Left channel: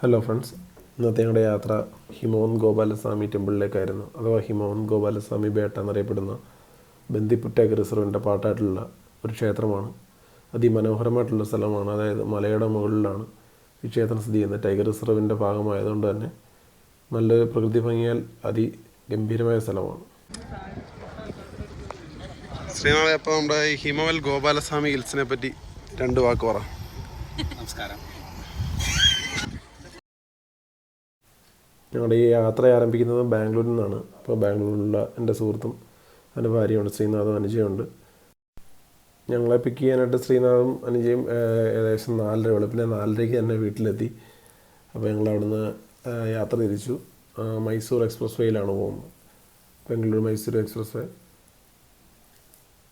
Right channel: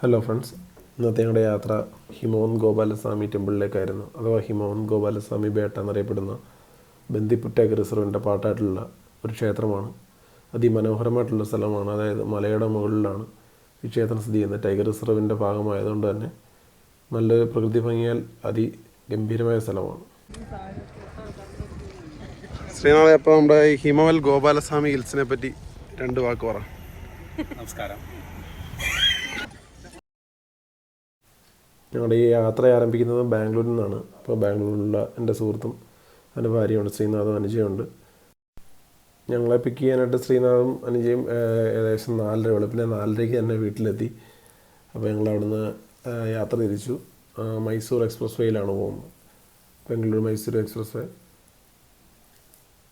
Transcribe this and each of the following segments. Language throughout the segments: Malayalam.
ഹലോ ഫ്രണ്ട്സ്, ഇന്നത്തെ ഞങ്ങളുടെ യാത്ര ഹിമവൻ ഗോപാലസ്വാമി ടെമ്പിളിലേക്കായിരുന്നു. അഥവാ ഹിമവൻ ഗോപാലസ്വാമി ബേട്ട എന്നറിയപ്പെടുന്ന ബന്ദിപ്പുറ്റ റിസർവിൻ്റെ പാട്ടായിട്ടുള്ള ഒരു ക്ഷേത്രമാണ്. അതിമനോഹരമായിട്ടുള്ള സ്ഥലമാണ്. അതായത് മലയുടെ മുകളിലാണ് ഈ ക്ഷേത്രം സ്ഥിതി ചെയ്യുന്നത്. ടൈഗർ റിസർവിൻ്റെ ഭാഗമായതുകൊണ്ട് തന്നെ നല്ലൊരു പ്രകൃതി ഭംഗിയാൽ അതിഗംഭീരമായ സ്ഥലമാണ്. ശ്രീനാഥ്, അപ്പോൾ നമ്മുടെ ഈ ഹിമവൽ ഗോപാലസ്വാമി ഹിൽസിനെ പറ്റി രണ്ട് വാക്ക് പറ. നമസ്കാരം. ഞങ്ങളുടെ ഈ യാത്ര ആരംഭിക്കുന്നത് ബാംഗ്ലൂരിൽ നിന്നാണ്. അപ്പോൾ ബാംഗ്ലൂരിലുള്ള എൻ്റെ സുഹൃത്തും എൻ്റെ ഭാര്യയുണ്ട്, ശ്രീനാഥും അനുജയുണ്ട്. ഞങ്ങളെ പിക്ക് ചെയ്യാനായിട്ട് ശ്രീനാഥും അനുജയും ഏകദേശം 4:30 വെളുപ്പിനെ 4:30 തന്നെ വീട്ടിലെത്തി. അപ്പോൾ ഞങ്ങൾ അവിടുന്ന് യാത്ര തിരിച്ചു. മൈസൂർ എക്സ്പ്രസ് വേയിലാണ് പോകുന്നത്. ബാംഗ്ലൂർ മൈസൂർ എക്സ്പ്രസ് വേ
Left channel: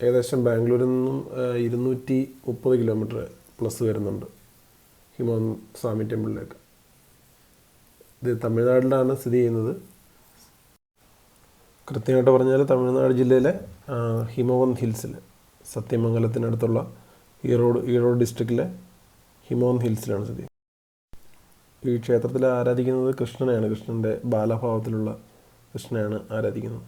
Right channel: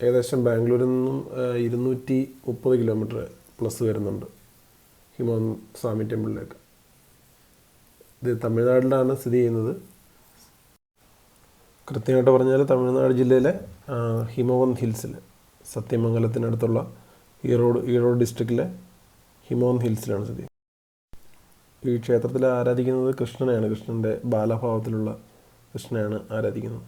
ഏകദേശം ബാംഗ്ലൂരിൽ നിന്നും 230 കിലോമീറ്റർ പ്ലസ് വരുന്നുണ്ട് ഹിമവൻ സ്വാമി ടെമ്പിളിലേക്ക്. ഇത് തമിഴ്നാട്ടിലാണ് സ്ഥിതി ചെയ്യുന്നത്. കൃത്യമായിട്ട് പറഞ്ഞാൽ തമിഴ്നാട് ജില്ലയിലെ ഹിമവന്ത് ഹിൽസിൽ, സത്യമംഗലത്തിനടുത്തുള്ള ഈറോഡ് ഡിസ്ട്രിക്റ്റിലെ ഹിമവന്ത് ഹിൽസിലാണ് സ്ഥിതി. ഈ ക്ഷേത്രത്തിൽ ആരാധിക്കുന്നത് കൃഷ്ണനെയാണ്. കൃഷ്ണൻ്റെ ബാലഭാവത്തിലുള്ള കൃഷ്ണനെയാണ് ആരാധിക്കുന്നത്.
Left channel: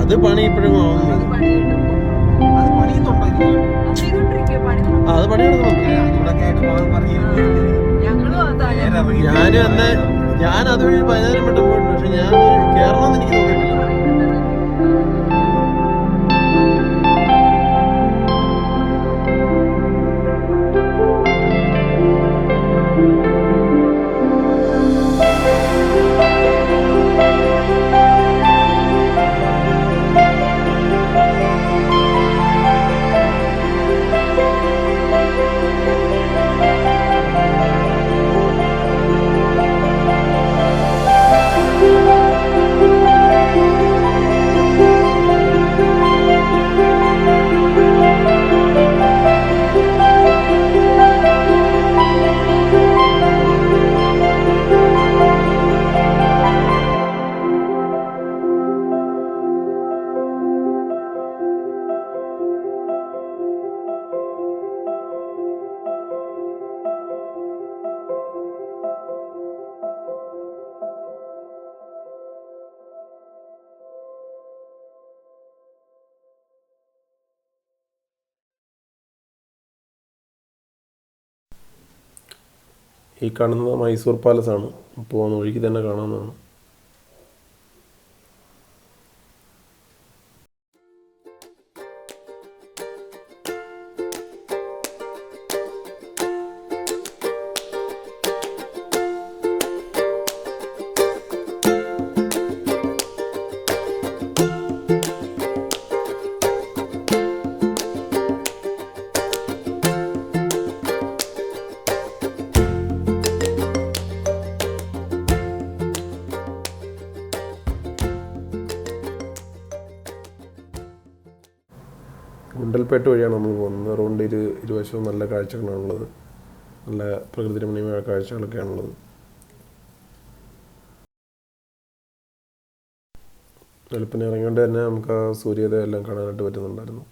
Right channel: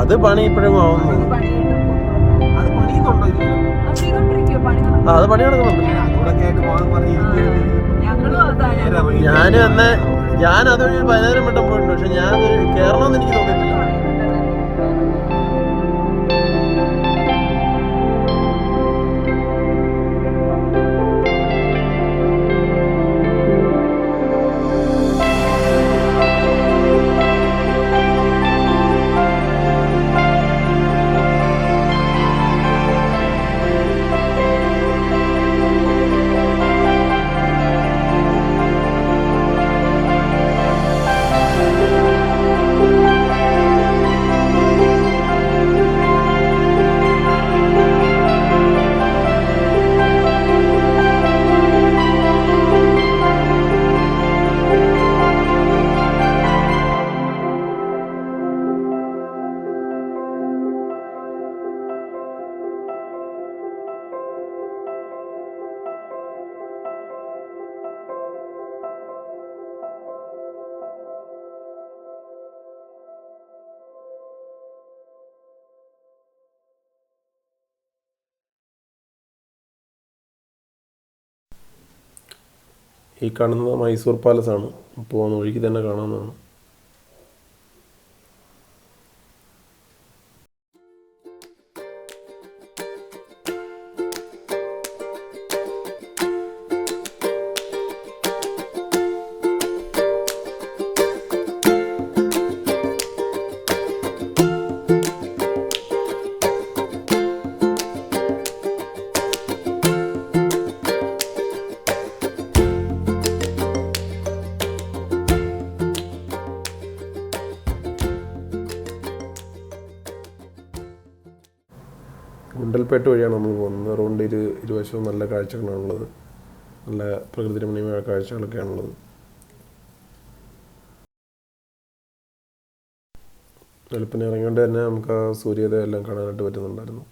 അത് പണി ഇപ്പോഴും ആവുന്നു. അത് പണി നടക്കുന്നുണ്ട്. ഞാനും അന്ന് ഞാൻ അതുവഴി 15 വട്ടം പോയിട്ടുണ്ട്. പക്ഷെ ഞാൻ കയറണമെന്ന് എനിക്ക് തോന്നിയിട്ടില്ല. ഈ കാണുന്നത് മൈസൂർ പാലസാണ്. പോകുന്ന വഴിക്ക് തന്നെ കാണാവുന്നതാണ്. ഗുണ്ടൽപേട്ട് വഴിയാണ് നമ്മൾ പോകുന്നത്. റോഡിൻ്റെ ഇരുവശവും നല്ല കാഴ്ചകളാണുള്ളത്. നല്ല പ്രകൃതി രമണീയമായ കാഴ്ചകളൊക്കെയാണുള്ളത്. വെളുപ്പിന് ഇറങ്ങിയോണ്ട് തന്നെ നമുക്ക് ആ സൂര്യോദയം എല്ലാം കാണാനായിട്ട് പറ്റുന്നുണ്ടായിരുന്നു.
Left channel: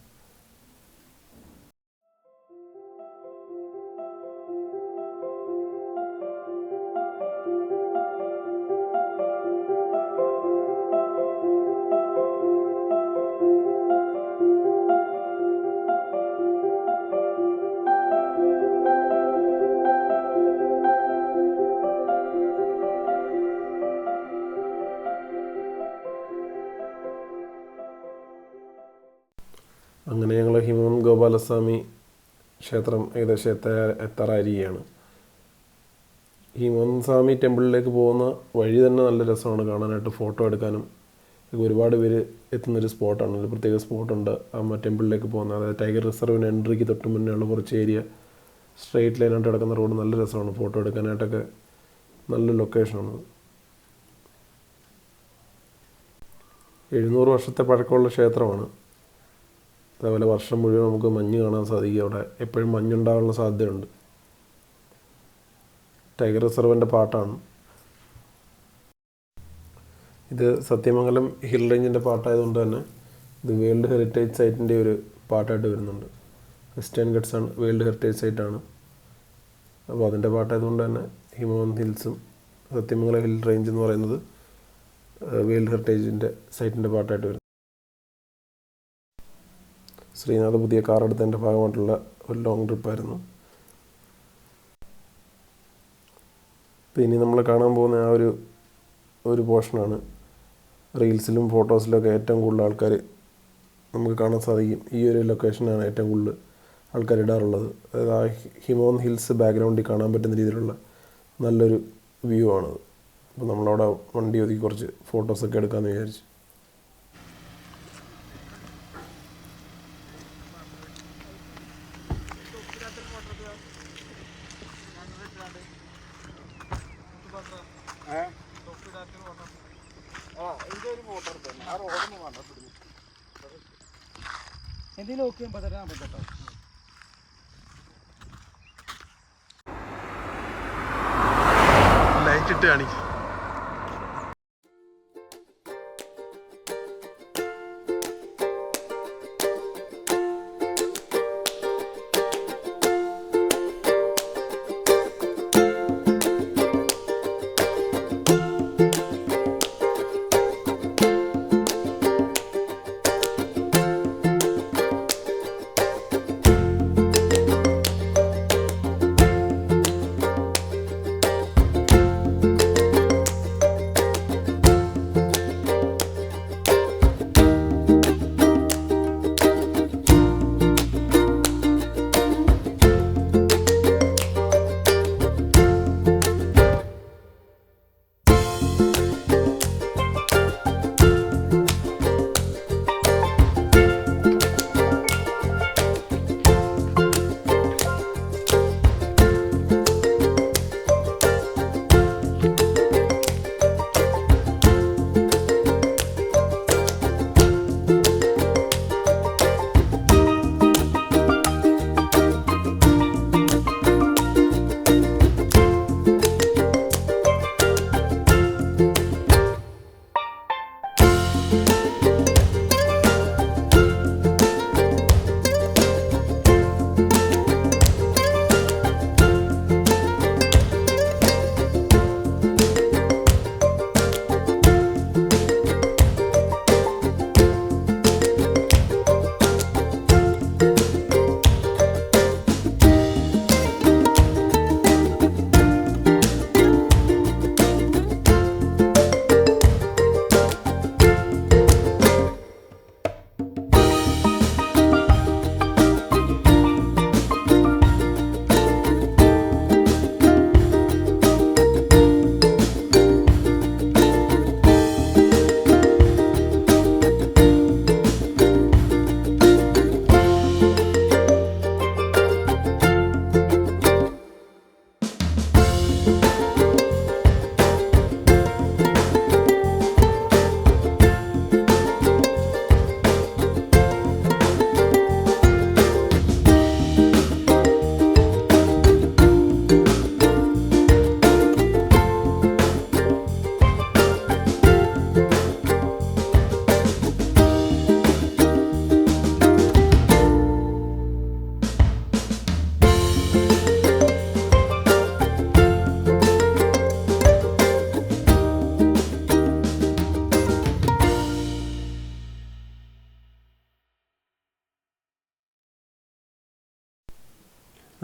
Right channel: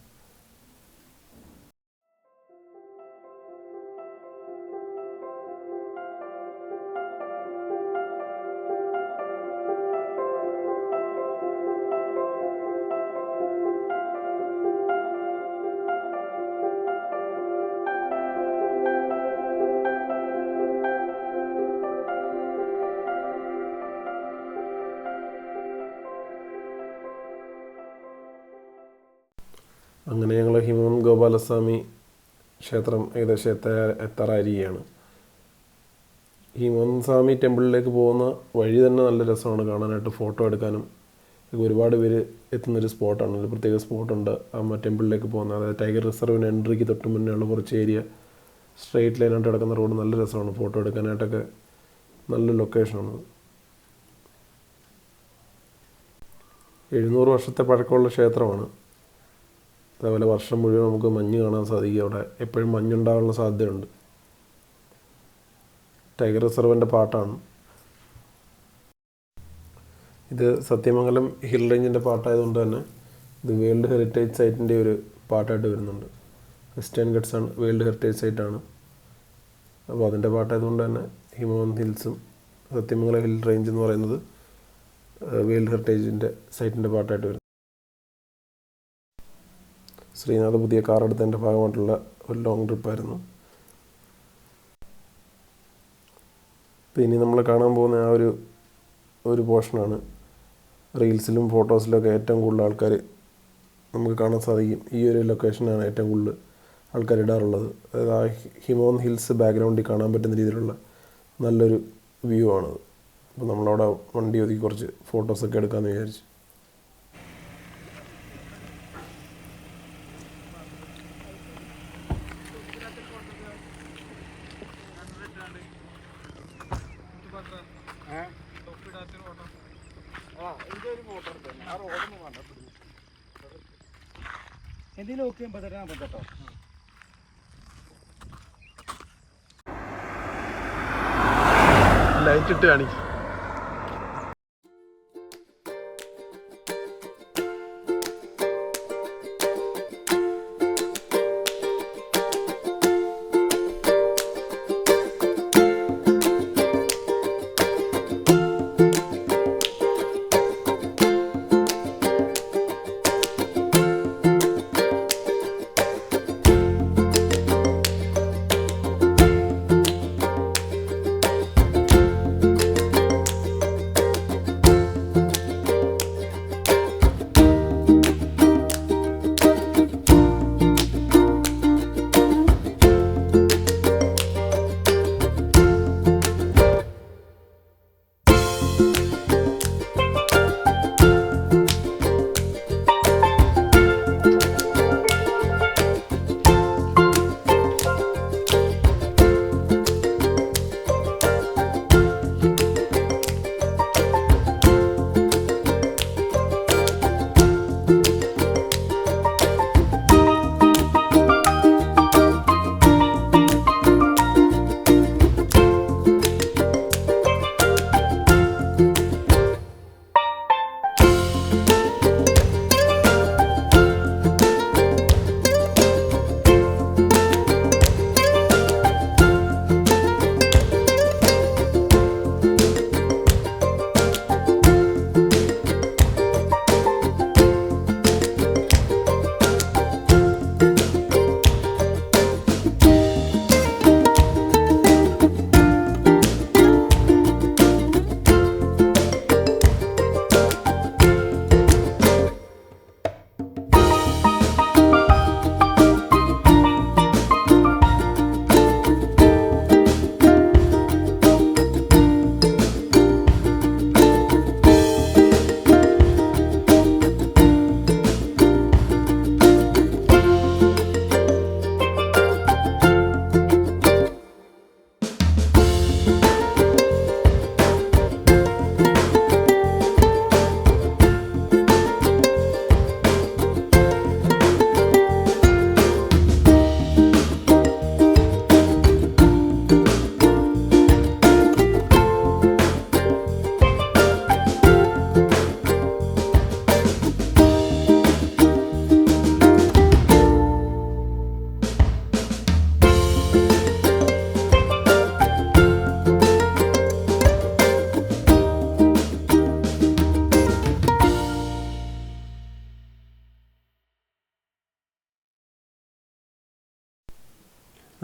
അങ്ങനെ ഞങ്ങൾ ഹിമവന്ത് ഗോപാലസ്വാമി ക്ഷേത്രം ഏകദേശം എത്താറായിരിക്കുകയാണ്. ഹിമവന്ത് സ്വാമി ടെമ്പിളിലേക്ക് പോകുന്ന വഴി തന്നെ നല്ല രസമാണ് കാണാനായിട്ട്. ഫോട്ടോ എടുക്കാനും ഒരുപാട് പേര് എത്തുന്നൊരു സ്പോട്ടാണ്. ഒരു പ്രത്യേക സ്പോട്ടുണ്ട് ആ ടെമ്പിളിലേക്ക് പോകുന്ന. അതായത് ടൈഗർ റിസർവിന് എൻട്രിക്ക് തൊട്ട് മുന്നേ ഉള്ള കുറച്ച് ഏരിയ സ്ട്രെയിറ്റ് ലൈനായിട്ട് കിടക്കുന്ന റോഡ് നല്ല രസമാണ്. ഫോട്ടോ എടുക്കാനായിട്ടൊക്കെ നല്ല ലൊക്കേഷനാണ്. 700 വർഷത്തെ പഴക്കമുള്ള ക്ഷേത്രമാണ്. അതേപോലെ വർഷം മുഴുവൻ നമുക്ക് മഞ്ഞ് കാണാൻ സാധിക്കും. അവിടെ എപ്പോഴും മഞ്ഞുണ്ടാകാനുള്ള സാധ്യതയുണ്ട്. ടൈഗർ റിസർവിൻ്റെ പാട്ടാണ് ഇത്. സത്യമംഗലം ഹിൽ റേഞ്ചിൻ്റെ പാട്ടായതുകൊണ്ട് തന്നെ ഇത് വേൾഡ് ഹെറിറ്റേജ് സൈറ്റിൻ്റെ ഒരു പാട്ടായിട്ട് വരുന്നുണ്ട്. വെസ്റ്റേൺ ഗട്ട്സ് ആണ് വേൾഡ് ഹെറിറ്റേജ് സൈറ്റാണ്. അപ്പോൾ അതിൻ്റെ പാട്ടായതുകൊണ്ട് തന്നെ ഹിമവന്ത് ഹിൽസും സത്യമംഗലം ഹിൽ റേഞ്ച് എന്ന് പറയുന്നത് വേൾഡ് ഹെറിറ്റേജിൻ്റെ സൈറ്റിൻ്റെ പാട്ടായിട്ട് വരുന്നു. ശ്രീനാഥ് പുതിയ കാർ എടുത്തതിൻ്റെ ഭാഗമായിട്ടുള്ള ഒരു ലോങ് ട്രിപ്പായിരുന്നു. ഇനി നമ്മൾ കാണാൻ പോകുന്ന ആ ഒരു പോർഷനാണ് റീൽസിലും ഫോട്ടോസിലൊക്കെ ഏറ്റവും കൂടുതൽ ആൾക്കാർ നമുക്ക് കാണാൻ സാധിക്കും. ഈ ഒരു ലൊക്കേഷനാണ് ഏറ്റവും കൂടുതൽ ആൾക്കാർ ഇടാറുള്ളത്. അതായത് ആ ഹിമവന്ത് ഹിൽസ് ബാക്ക്ഗ്രൗണ്ടിൽ കാണാൻ പറ്റുന്ന രീതിയിലുള്ള നല്ലൊരു വ്യൂ ആണത്. അപ്പോൾ നമ്മളവിടെ വണ്ടി ഒതുക്കി കുറച്ച് ഫോട്ടോസൊക്കെ എടുക്കാമെന്ന് വിചാരിച്ചു. ലൈറ്റ് ഇട്ട് കാണിക്കും.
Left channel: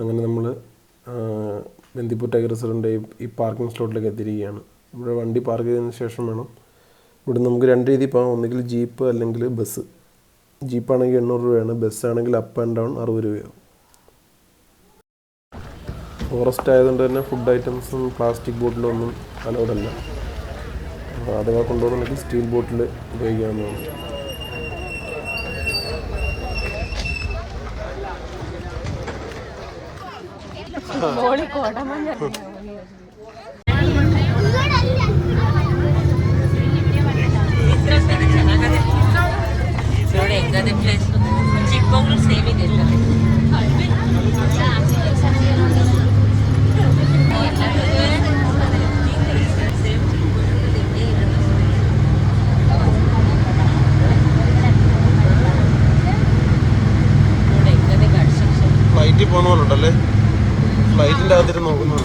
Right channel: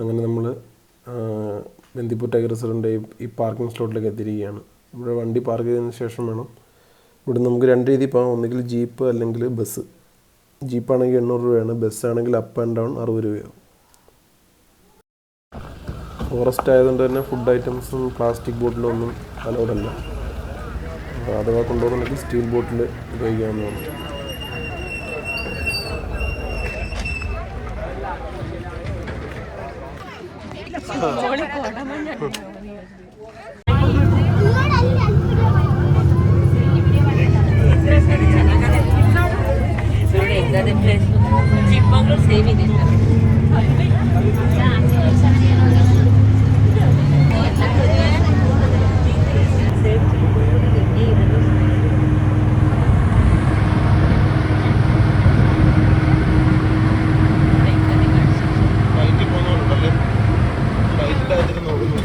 അങ്ങനെ നമ്മൾ ബന്ദിപ്പൂർ ടൈഗർ റിസർവിൻ്റെ ഈ പാർക്കിംഗ് സ്ലോട്ടിലേക്ക് എത്തിയിരിക്കുകയാണ്. ഇവിടെ വണ്ടി പാർക്ക് ചെയ്തതിന് ശേഷം വേണം ഇവിടെ നമുക്ക് 2 രീതി പോകാം. ഒന്നുകിൽ ജീപ്പ് അല്ലെങ്കിൽ ബസ്. ജീപ്പാണെങ്കിൽ 800 രൂപയാണ്, ബസ്സാണെങ്കിൽ അപ്പ് ആൻഡ് ഡൗൺ 60 രൂപയാവും. ഫോറസ്റ്റ് ആയതുകൊണ്ട് തന്നെ ഫുഡ് ഐറ്റംസും പ്ലാസ്റ്റിക് ബോട്ടിലൊന്നും അലൗഡല്ല. അഥവാ കൊണ്ടുപോകുന്നുണ്ടെങ്കിൽ സ്റ്റീൽ ബോട്ടിൽ ഉപയോഗിക്കാവുന്നതാണ്. ಚಿಕ್ಕಮಗಳೂರು ಸೇವಿಂಗ್ ಇದೆ. ഫ്ലൈറ്റിൽ പോകണമല്ലോട്ടല്ലേ, ഫ്ലൈറ്റിൻ്റെ അകത്തിട്ട് നോക്കുന്നു.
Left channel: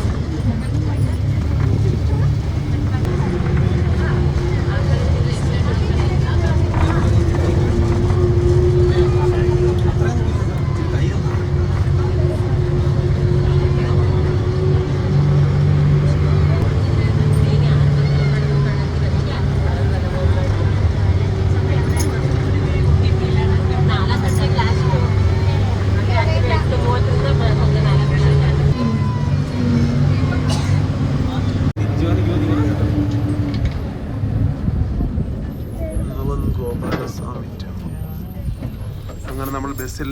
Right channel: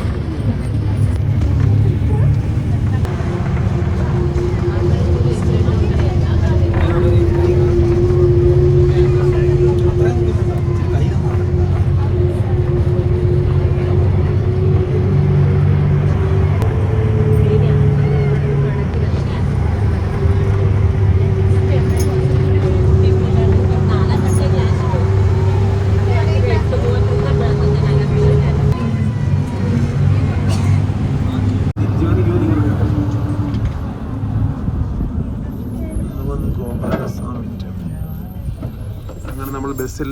അങ്ങനെ നമ്മൾ ബസ്സിൽ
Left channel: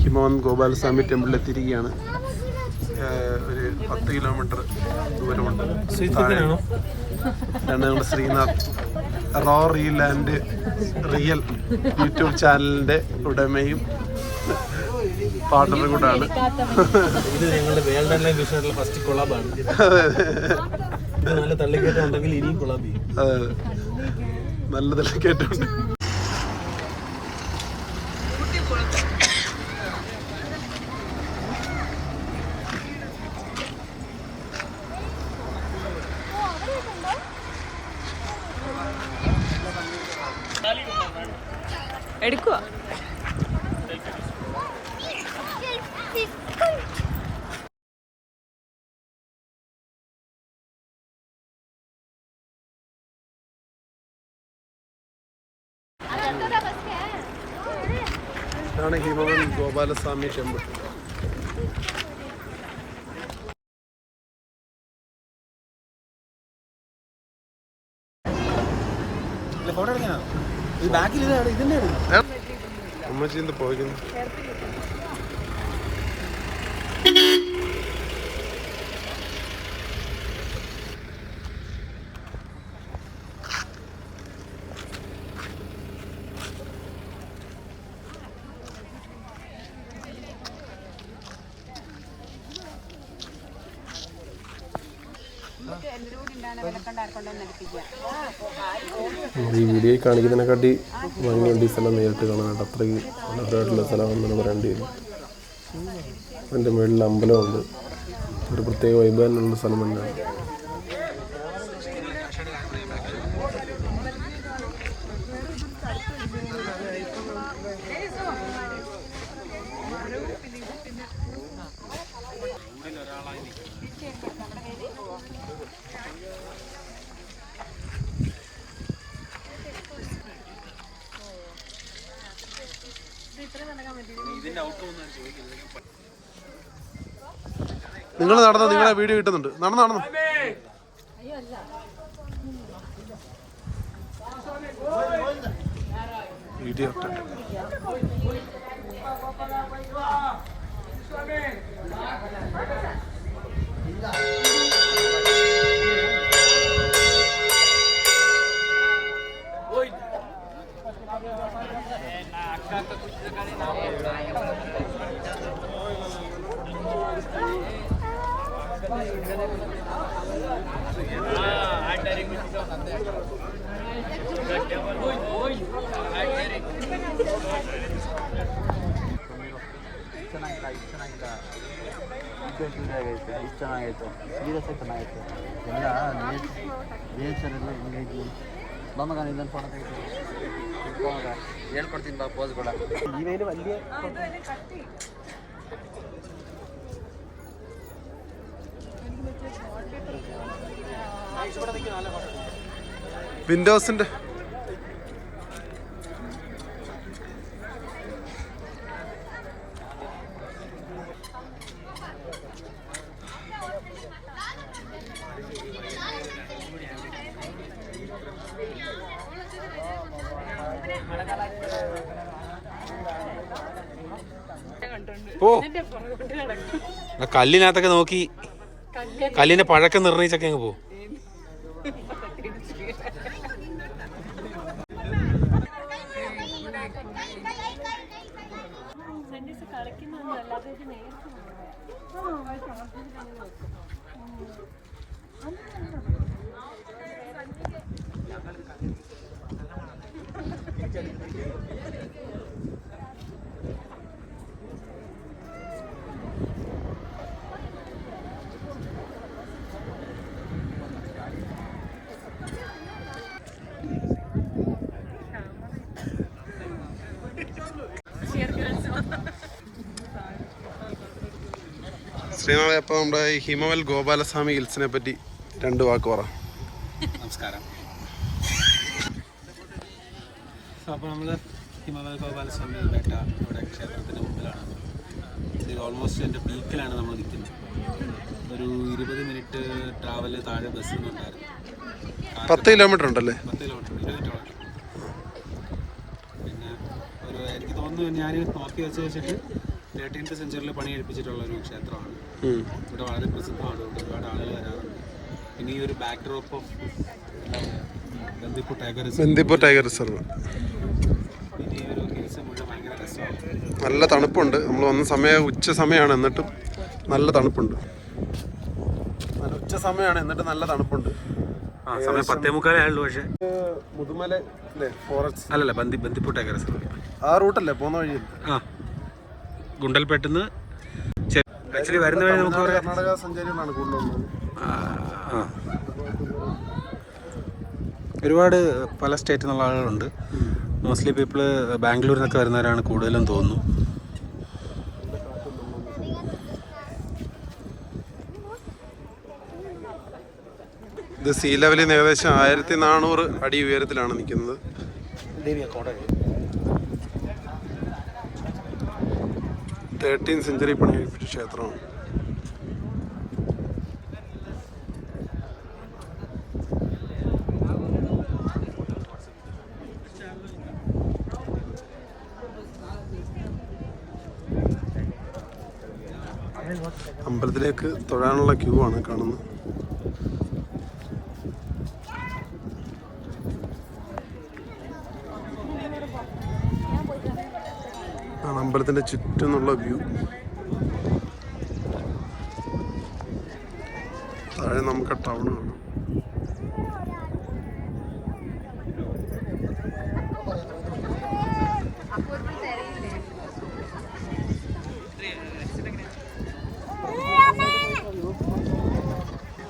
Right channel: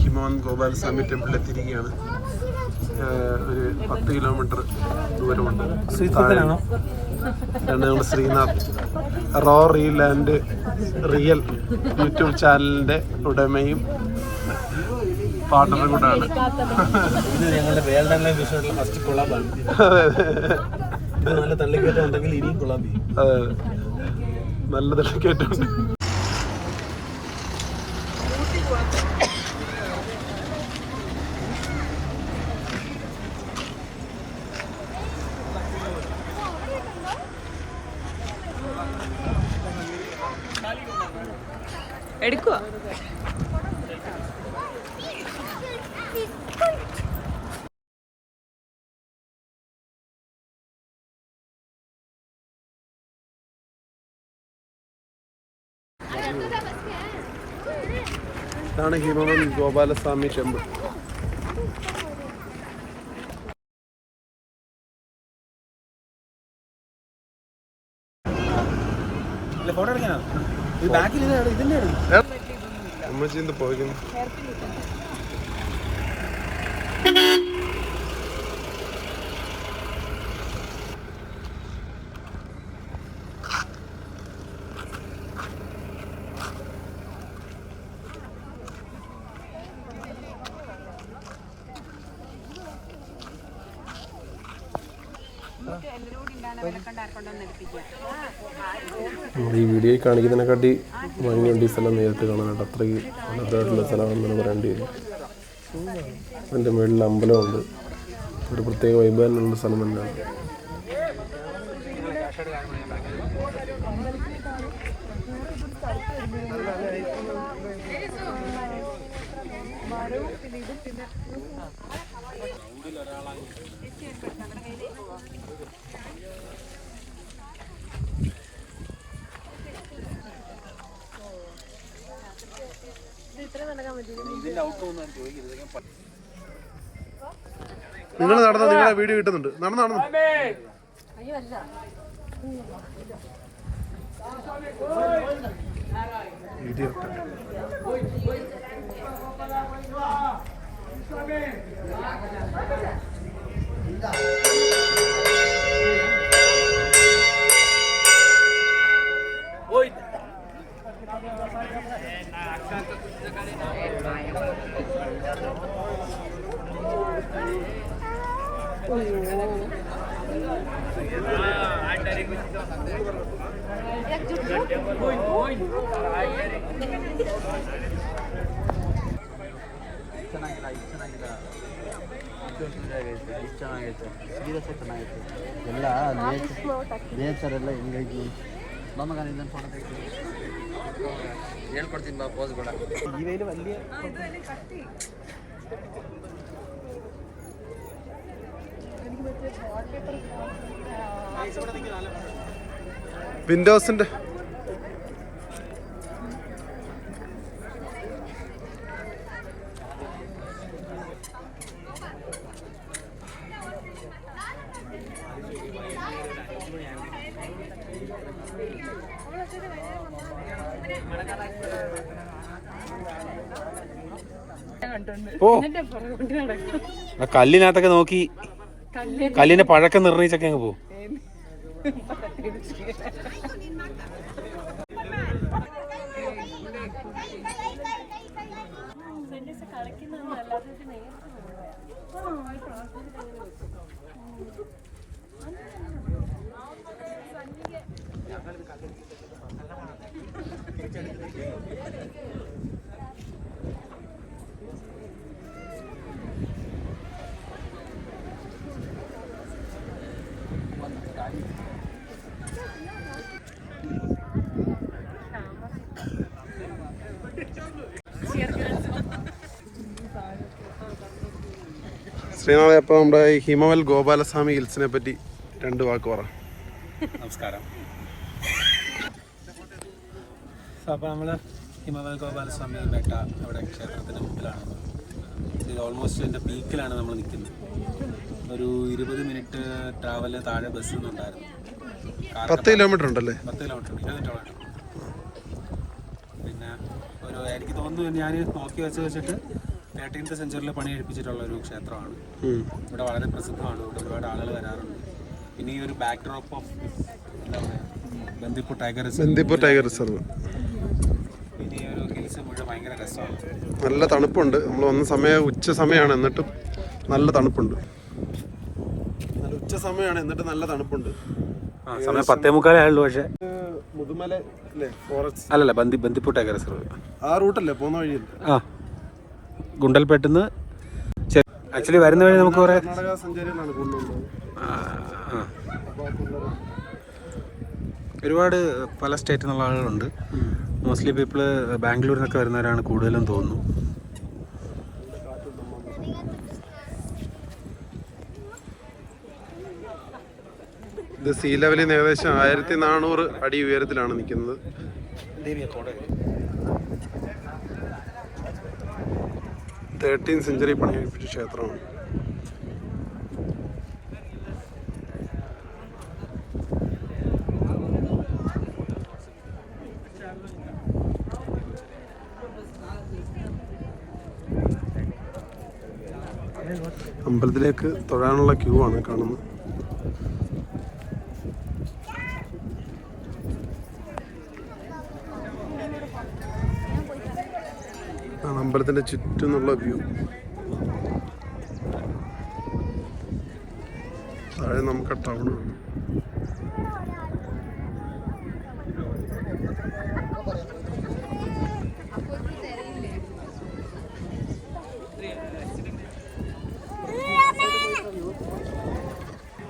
ഹിമവൻ ഗോപാലസ്വാമി ടെമ്പിളിൽ എത്തിയിരിക്കുകയാണ്. ഒരു 10 കിലോമീറ്റർ ദൂരമുണ്ട്. ഞങ്ങളുടെ Srinath raw reel and real YouTube ചാനലിൻ്റെ ഉടമയും പാർട്ണറും കൂടാണ്. ഇത് ഞങ്ങളുടെ വേൾഡ് ഓൺലൈൻ ബിസിനസ്സിലെ ഫസ്റ്റ് കൊളാബാണ്. ഇത് നല്ല തള്ളിക്കയറ്റം ഉണ്ടെങ്കിൽ ഇനിയും കൊളാബ് ചെയ്യും. അതെ, നല്ല തള്ളിക്കയറ്റമുണ്ട്. എടുക്കുക. ഇതാണ് ഹിമവൻ ഗോപാലസ്വാമി ടെമ്പിൾ. ഫോട്ടോ എടുക്കാനോ? ഈ ബാക്കിൽ ഇതിന്റെ അമ്മച്ചിന്റെ പോയിക്കുന്നു. ഈ വീഡിയോയിൽ കാണിക്കുന്നതിനെക്കാട്ടി ഭംഗിയുണ്ട് ഈ സ്ഥലം നേരിട്ട് കാണാനായിട്ട്. അത്രയ്ക്ക് മനോഹരമായിട്ടുള്ള സ്ഥലമാണെന്നാണ് പറയേണ്ടി വരും. അതിൻ്റെ മുകളിൽ അമ്പലമുണ്ട്. ഒരു പ്രത്യേക വൈബ് തന്നെയുള്ള സ്ഥലം തന്നെയാണ്. നിങ്ങൾ നടന്ന നിങ്ങളെ വീഡിയോ കിട്ടുന്നുണ്ട്. നടന്നു വീഡിയോ ಚೆನ್ನಾಗಿಲ್ಲ ಚೆನ್ನಾಗಿತ್ತು, ಸೀರಿಯಸ್ ಚೆನ್ನಾಗಿತ್ತು. ಎಲ್ಲ ನೇಚರ್ ಎಲ್ಲ ಹೆಂಗಾಯ್ತು ನಮಗೆ ಇದನ್ನು ಫೋನ್ ಹೇಳ್ಕೊಡ್ತೀನಿ ಬಾ ಪೋಸ್ಗಳ. വിൻഡോസിന്റെ ഓ കല്ലിനകത്തൊക്കെ നോക്കി കല്ലിന്റെ പഴക്കം നിർണയിച്ചൊക്കെ അങ്ങ് പോകും. ശ്രീനാഥ്, അപ്പോൾ നമ്മുടെ ഈ ഹിമവൽ ഗോപാലസ്വാമി ഹിൽസിനെ പറ്റി 2 വാക്ക് പറ. നമസ്കാരം. അപ്പോൾ നമ്മൾ ഹിമവൽ ഗോപാലസ്വാമി ബേട്ട അവിടെ ക്ഷേത്രത്തിൻ്റെ മുമ്പിലാണ്. ഇത് ഓൾമോസ്റ്റ് എൻ്റെ പീക്കിലാണ് നമ്മൾ നിൽക്കുന്നത്. ഒരു 20 മിനിറ്റ് ട്രാവല് താഴെ ബസ്സിൽ നിന്നുണ്ടായിരുന്നു. 10 കിലോമീറ്റർ ഉണ്ടല്ലേ? 10 കിലോമീറ്റർ, 20 മിനിറ്റോളം. പിന്നെ എനിക്ക് തോന്നുന്നു ഞാൻ നോക്കി വെച്ചിട്ട് 13th സെഞ്ചുറിയിൽ പണി കഴിപ്പിച്ചിട്ടുള്ള ഒരു ക്ഷേത്രമാണ്. ഇവിടെ വളരെ പ്രസിദ്ധമാണ്. ഇവിടെ ഒരുപാട് ആളുകൾ വരാറുണ്ട്. പിന്നെ ഈ ഒരു back drop of Bandipur tiger reserve, പിന്നെ ഈ ഒരു ഹിൽസ് മുഴുവൻ ഭയങ്കര രസമാണ്. നല്ല തണുപ്പുണ്ട്. നമ്മൾ വന്ന സമയം ഉച്ച സമയമാണ്, എന്നിട്ടും നല്ല തണുപ്പുണ്ട്. ഉച്ച സമയമാണ്, എന്നിട്ട് നല്ല തണുപ്പുണ്ട്. സമയം 10:45 ആയുള്ളൂ. പക്ഷേ മുതുമല അല്ലേ, ഫോറസ്റ്റ് അല്ലല്ല, ബന്ദിപ്പൂർ ടൈഗർ റിസർവ് ആ റൂട്ടല്ലേ പോകുന്ന വഴിയല്ലേ? ആ, ഗുണ്ടൽപേട്ടിന്ന് ആക്ച്വലി വരുന്ന വഴി നമുക്ക് കർണാടക സഞ്ചാരികളാണ് കൂടുതലുള്ളത്. ഒരുപാട് പല സ്റ്റേറ്റിൽ നിന്നുള്ള ആളുകളുണ്ട്. മോസ്റ്റ്ലി പീപ്പിള് ബാംഗ്ലൂരിൽ നിന്നൊക്കെ വരുന്നവരാണ് കൂടുതലും തോന്നുന്നു. ഇത് സീ ലെവലിൽ നിന്ന് ഏകദേശം 1400 അടി ഉയരത്തിലാണ് നിൽക്കുന്നത്. 13th സെഞ്ചുറി പണി കഴിപ്പിച്ച ക്ഷേത്രമാണ്. അമ്പലത്തിലേക്ക് തൊഴാനുള്ള ക്യൂ ആണ് കാണുന്നത്. അമ്പലത്തിന്റെ ചുറ്റുമുള്ള വ്യൂ. താഴെ നമുക്ക് ടൗൺ കാണാം.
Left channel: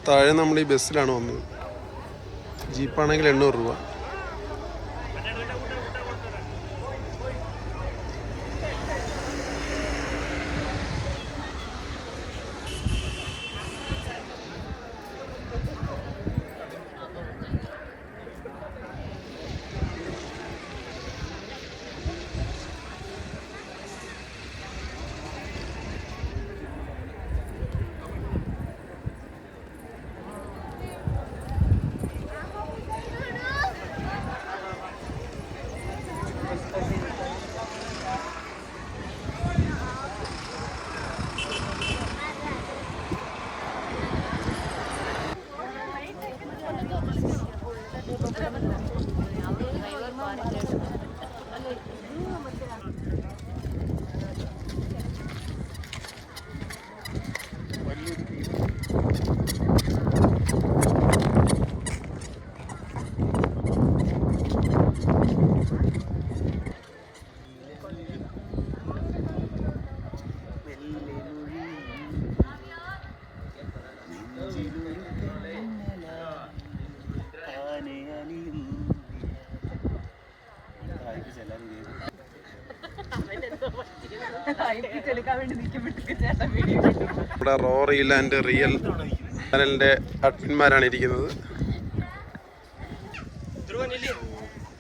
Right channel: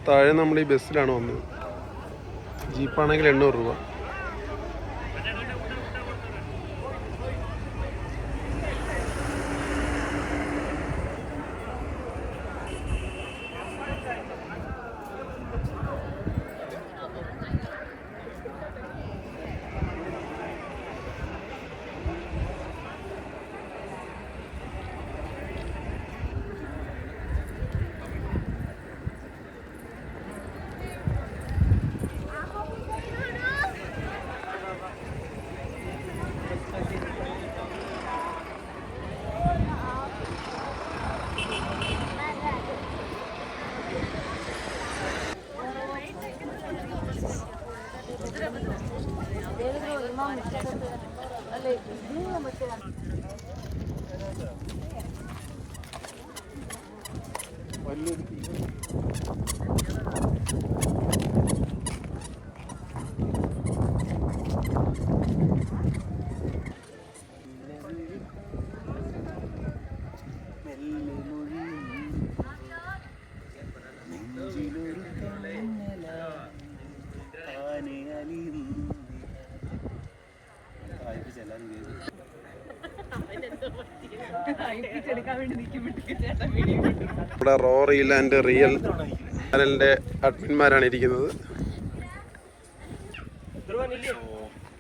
താഴെ നമ്മൾ ഈ ബസ്സിലാണ് വന്നത്. ജീപ്പാണെങ്കിൽ 800 രൂപ. ഇവിടെ റോറിയിൽ ആൻഡ് റിയൽ ചാനലിൻ്റെ അഡ്മിന്മാരാണ് ഇരിക്കുന്നത്.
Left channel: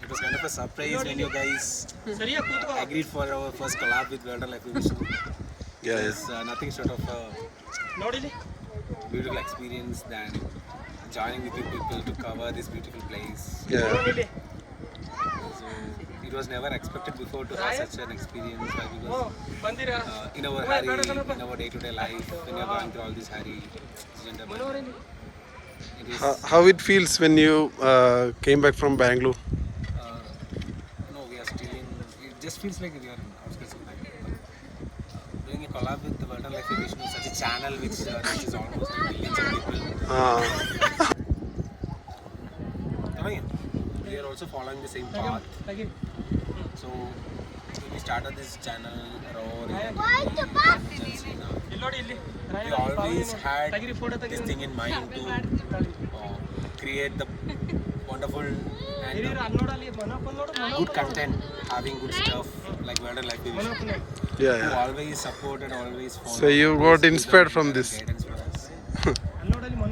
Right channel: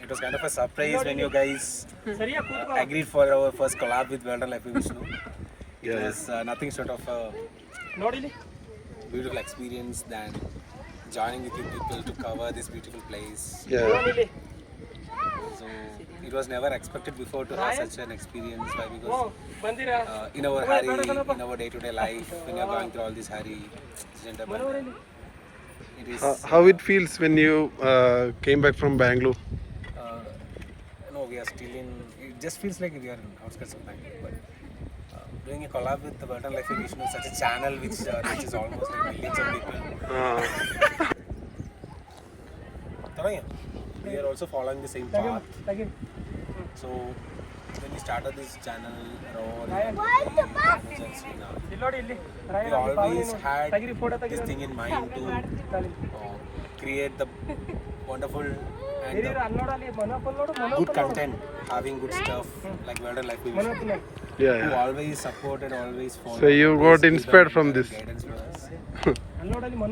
It was kind of a surprise when you guys agreed for our first collab with World Life with Vishnu. Yeah, It's nothing short of a beautiful experience than joining with you people to cover this beautiful place. yeah. So it was never expected before to have such an experience, why? Because in our hurry, in our day-to-day life, when you're going through all this hurry, it is How it feels when you came back from Bangalore? no, we are still in. It just feels like we are in outskirts of Bangalore. But doing a collab with the World Life with Vishnu, such a channel which reaches almost like millions of people. We are also following the same path. So when we started this channel, we always had this thing in mind to create the wonderful and good content, having good stuff like World Life with Vishnu. Yeah, Who yeah. always supported, always followed. So you got inspired from this. Guidance for us.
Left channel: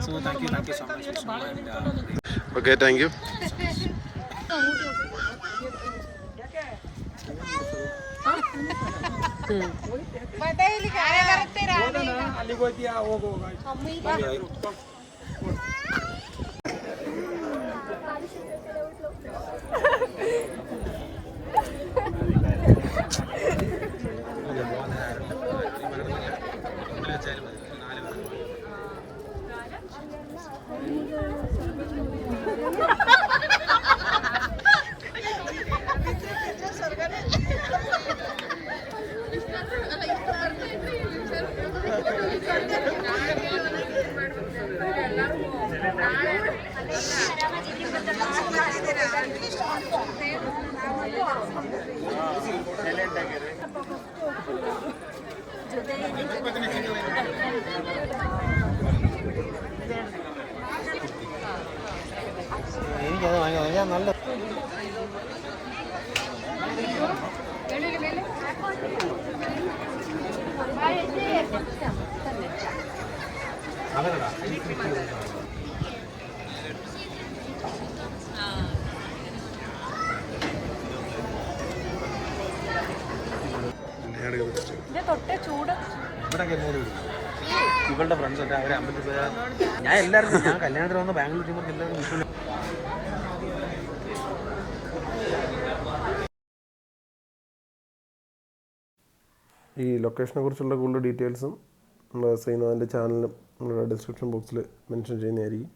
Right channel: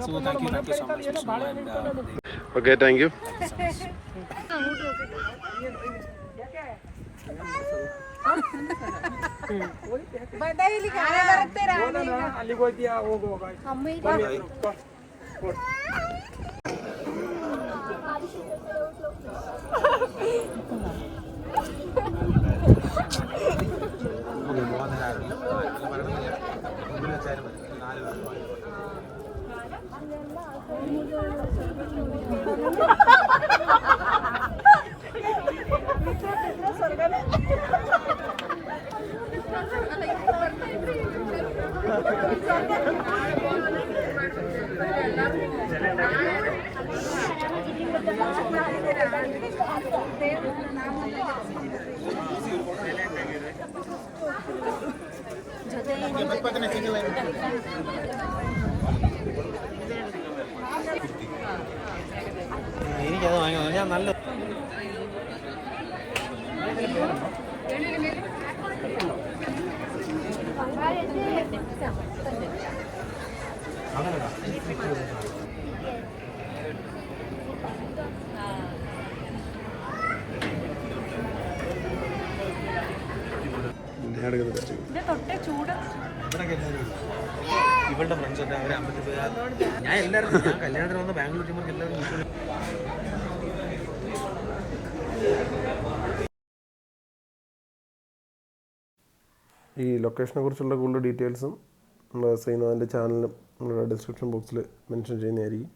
So thank you so much, Vishnu, and Okay, thank you. thank you so much. ഇവളുടെ ഫ്രണ്ട്സ് ഒക്കെ അവരെ ഞാൻ എല്ലാവർക്കും ഞാൻ കല്യാണത്തിന് വന്ന് ബാംഗ്ലൂർ ചുമന്ന് എല്ലാവർക്കും ഈ ലൊക്കേഷനെ കുറിച്ചുള്ള കൂടുതൽ ഡീറ്റെയിൽസും നമ്മുടെ ശ്രീനാഥിൻ്റെ ചാനലിലും നമ്മുടെ ഡിസ്ക്രിപ്ഷൻ ബോക്സിൽ മെൻഷൻ ചെയ്യുന്നതായിരിക്കും.